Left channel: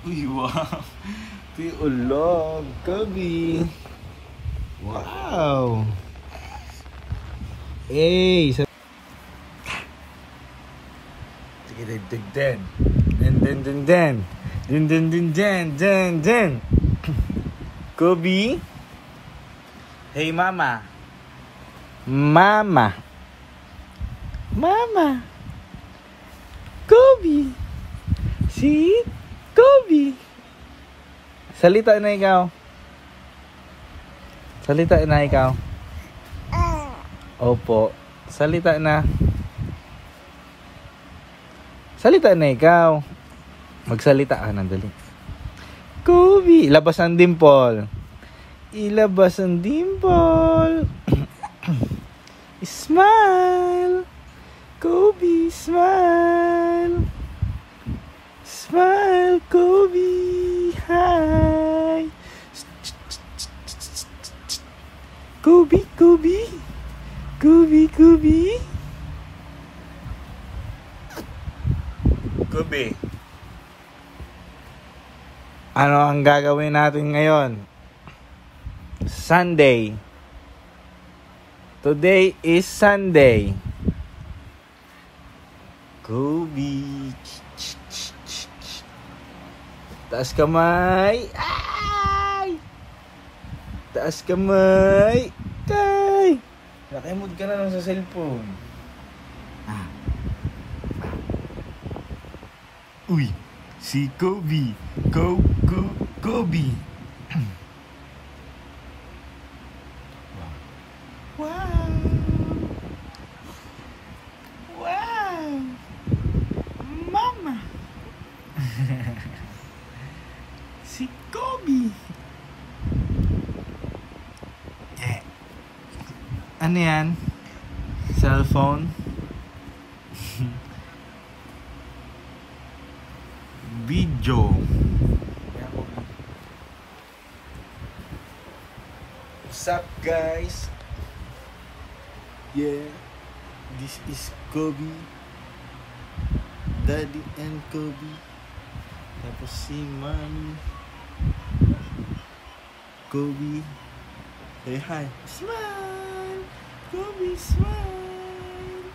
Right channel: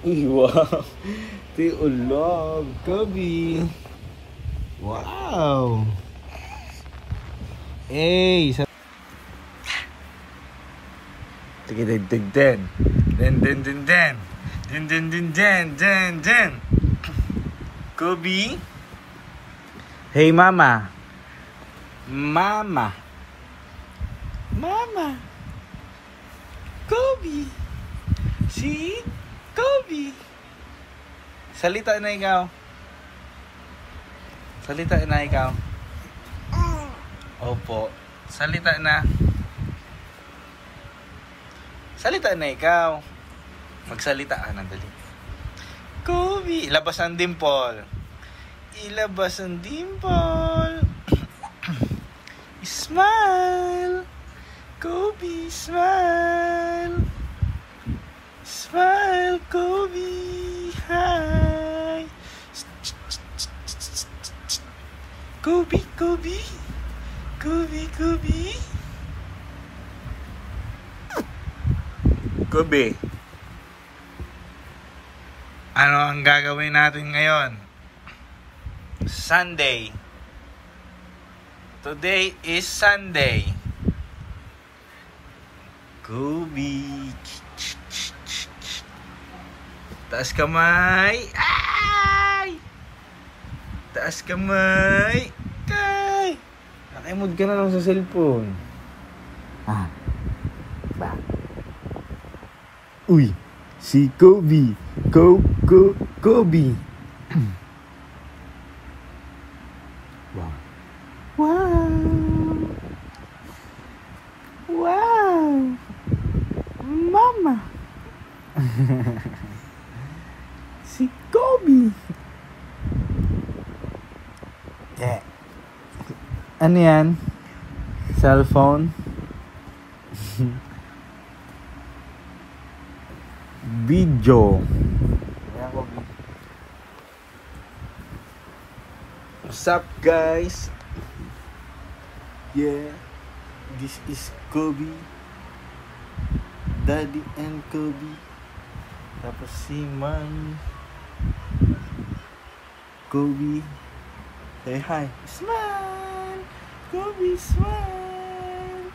Uy, wow. Ito yung ulog. Gabi. Wow. Hey. Sige, den. Den. Gabi. Hey, mama. Mama. Gabi. Si Gabi. Salita na ikaw. Opo. Salita na ikaw. Magsalita ka na, dali. Gabi. Ilabas ang dimple. Smile. Gabi, smile. Smile, Gabi. Hi. Gabi. Gabi. Ano ang gagawin natin ngayon? Sunday. Today is Sunday. Gabi. Taas kamay. Ay! Taas kamay. Kay! Nakimod ka na lang sa cellphone. Ba? Uy! Si Gabi. Gabi. Wow! Mama! Si Gabi. Yeah. Ano yan? Cellphone? Video. What's up, guys? Yeah, this is Gabi. Daddy and Gabi. Tapos si Mommy. Gabi. Say hi. Smile. Gabi, smile.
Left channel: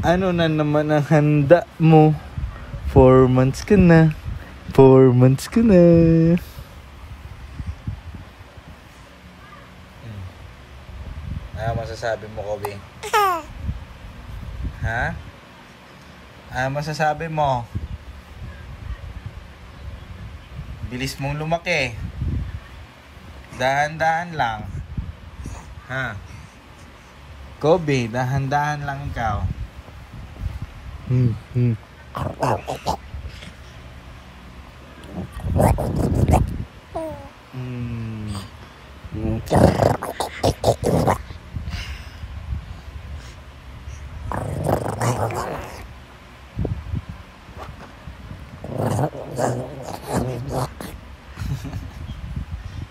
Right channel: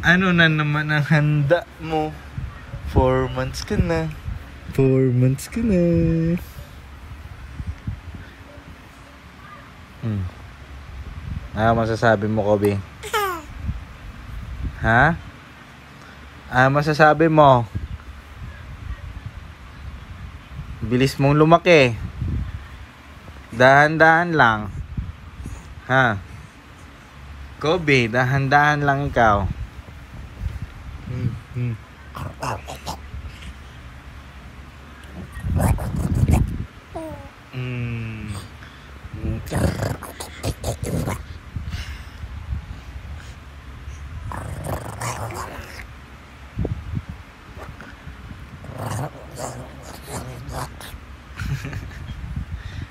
Ano na naman ang handa mo? 4 months ka na. Ano masasabi mo, Gabi? Ha? Ano masasabi mo? Bilis mong lumaki. Dahan-dahan lang. Ha? Gabi, dahan-dahan lang ikaw.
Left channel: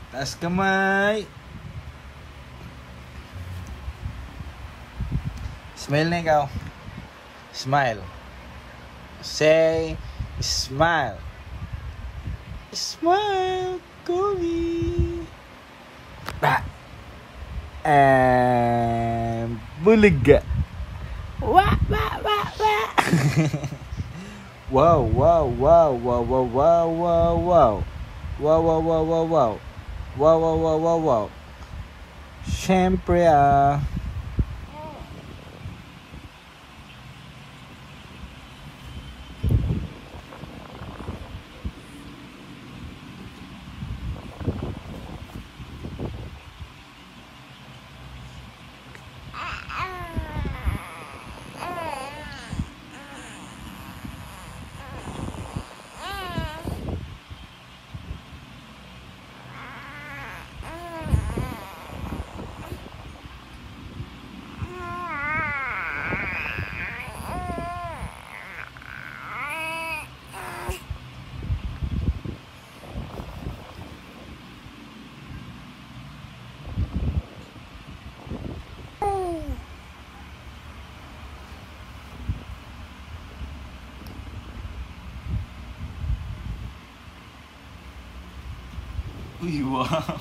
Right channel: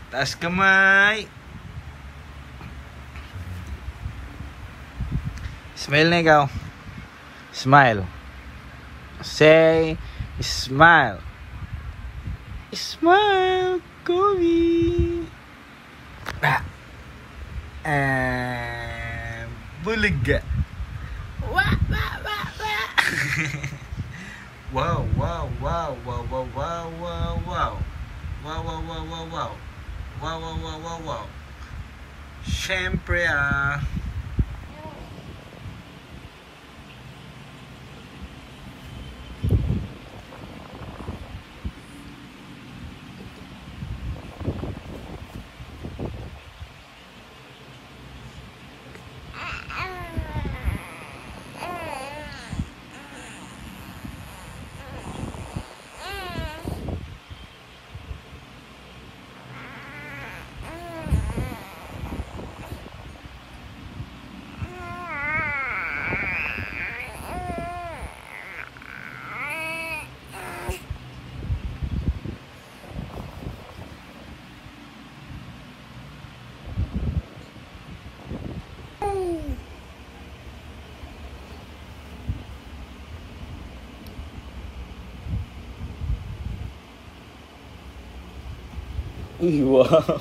Taas kamay. Smile na ikaw. Smile. Say smile. Smile, Gabi. Bulaga. Wow. Siyempre Uy, wow.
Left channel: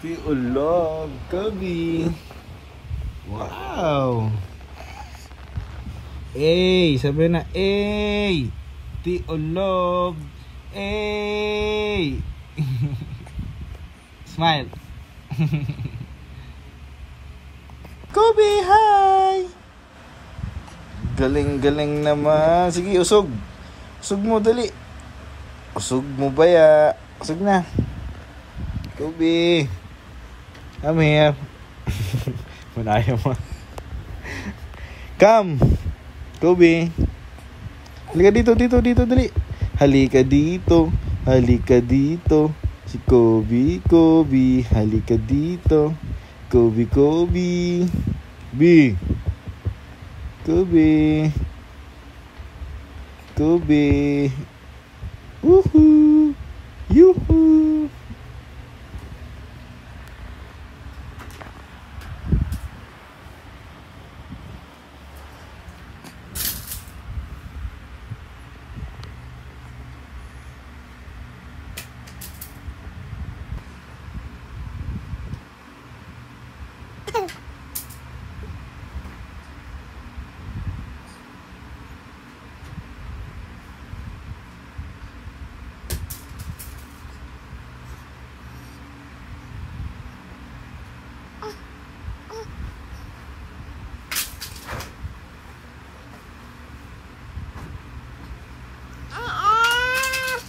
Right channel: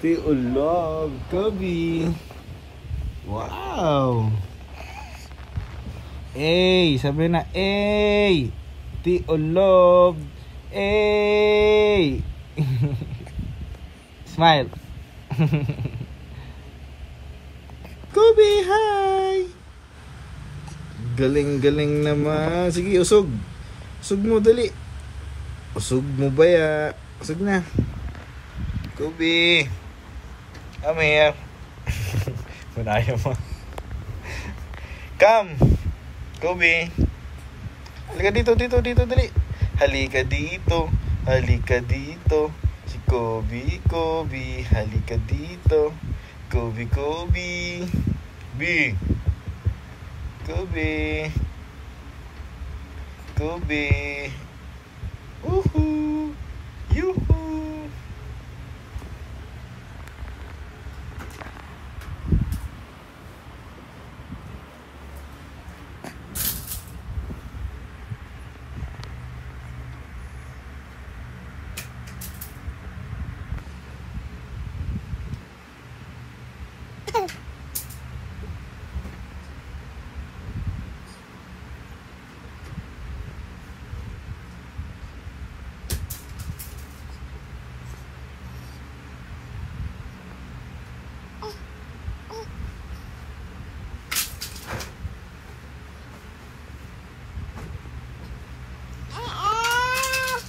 Tiulog, Kobe. Wow. Ey, sabi na, ey. Tiulog. Ey. Smile. Kobe, hi. Galing-galing naman. Sige, usog. Usog mo, dali. Usog mo ba ya? Usog na. Kobe. I'm here. Punaya mo. Come. Kobe. Halika dito, dali. Halika dito. Halika dito. Si Kobe, halika dito. Kobe. B. Kobe. Woohoo. Yoo-hoo.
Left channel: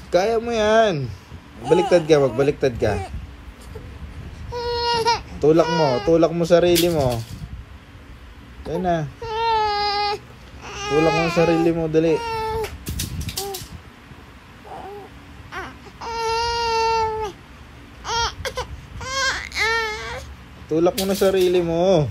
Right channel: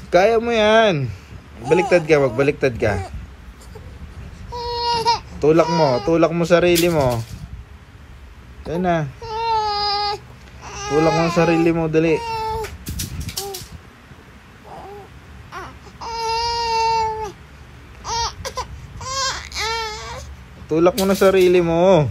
Kaya mo yan. Magbaliktad ka. Tulak mo sarili mo. Yan na. Tulak mo sarili mo, dali. Tulak mo na sarili mo.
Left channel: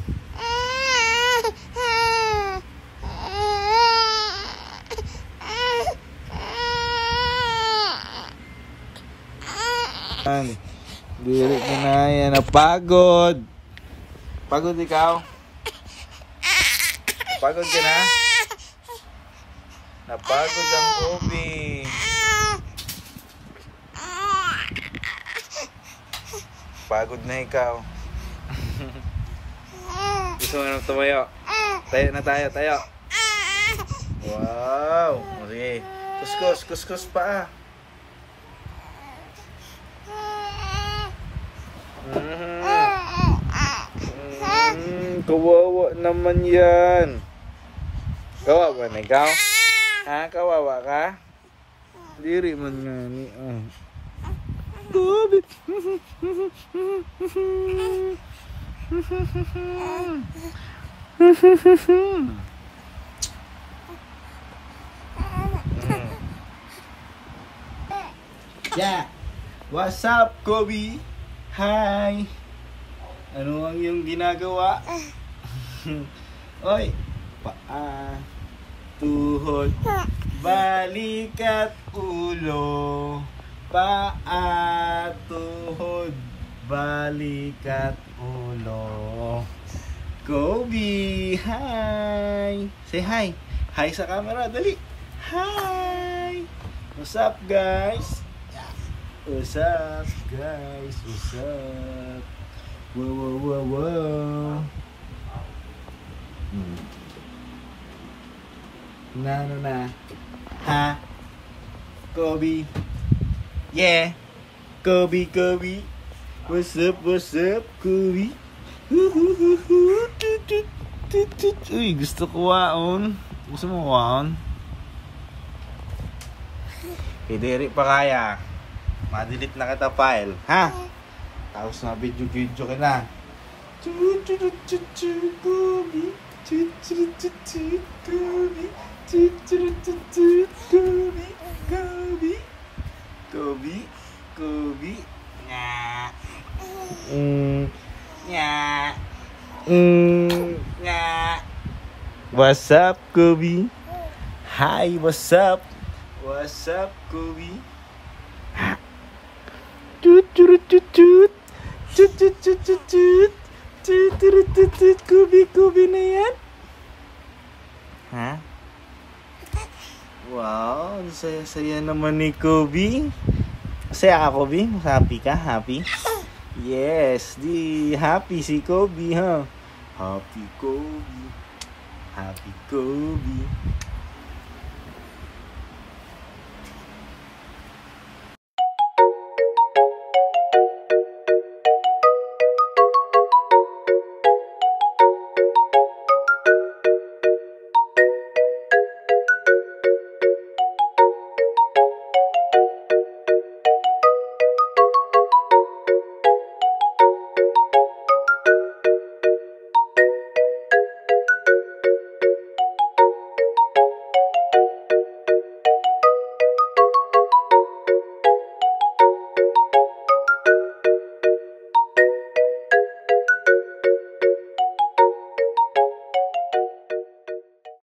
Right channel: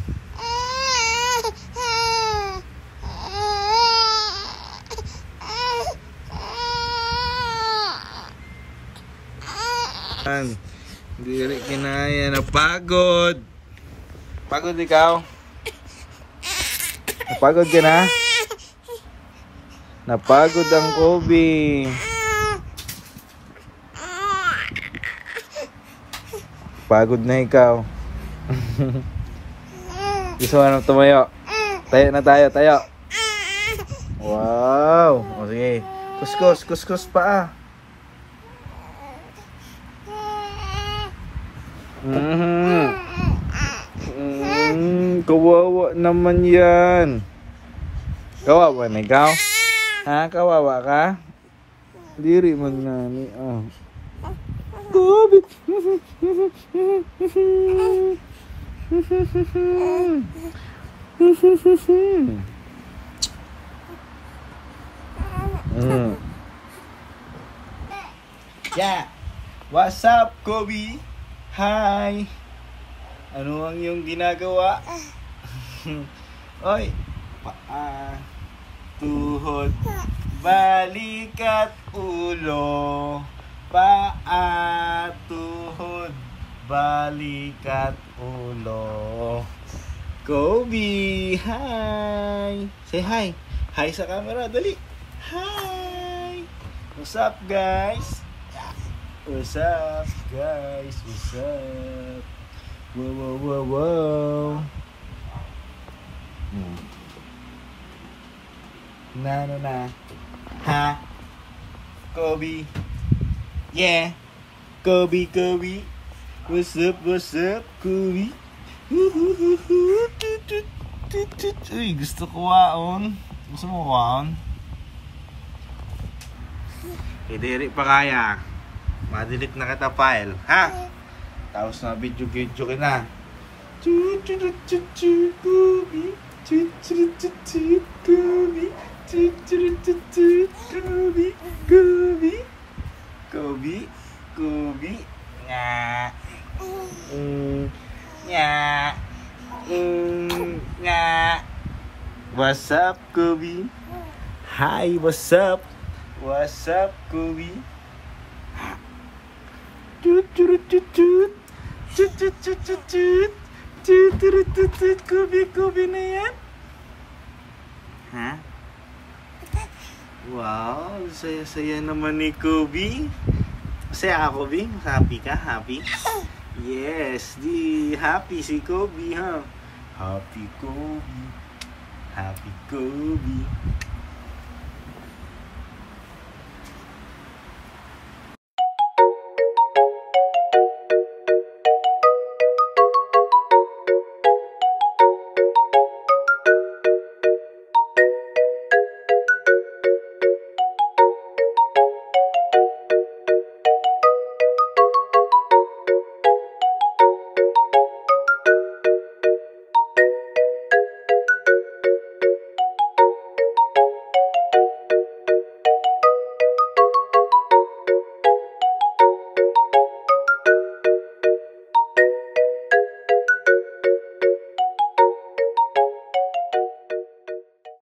Dili kinaya, napagod. Pagod ikaw? Napagod ka na? Napagod ang Kobe. Pagod na ikaw. Gusto mo na tumayo? Tayo. Wow. Okay. Kuskus pa. Kawawa naman yan. Kawawa na ikaw? Ha? Kawawa ka? Diri man nga ni. Oh. Kobe. Yeah. What's up, Kobe? Hi. Ano ang iyong ginagawa? Oy. Paa, tuhod, balikat, ulo. Paa, tuhod, balikat, ulo. Kobe, hi. Say hi. Hi sa camera, dali. Hi. What's up, guys? What's up, guys? What's up? Wow. Na. Ha? Kobe. Yeah. Kobe. What's up, Kobe? Uy, gusto ko waon. Gusto mo waon? Hindi pa kaya. Ma-delete na kita file, ha? Tapos na video ka na. Kobe. Nga. What's up, Kobe? Hi, what's up? What's up, Kobe? Kobe na yan. Ha? Wow, saya-saya naman ni Kobe. Masaya ka, Kobe? Happy ka? Happy? Yes, di happy si Kobe, ha? Happy Kobe. Happy Kobe.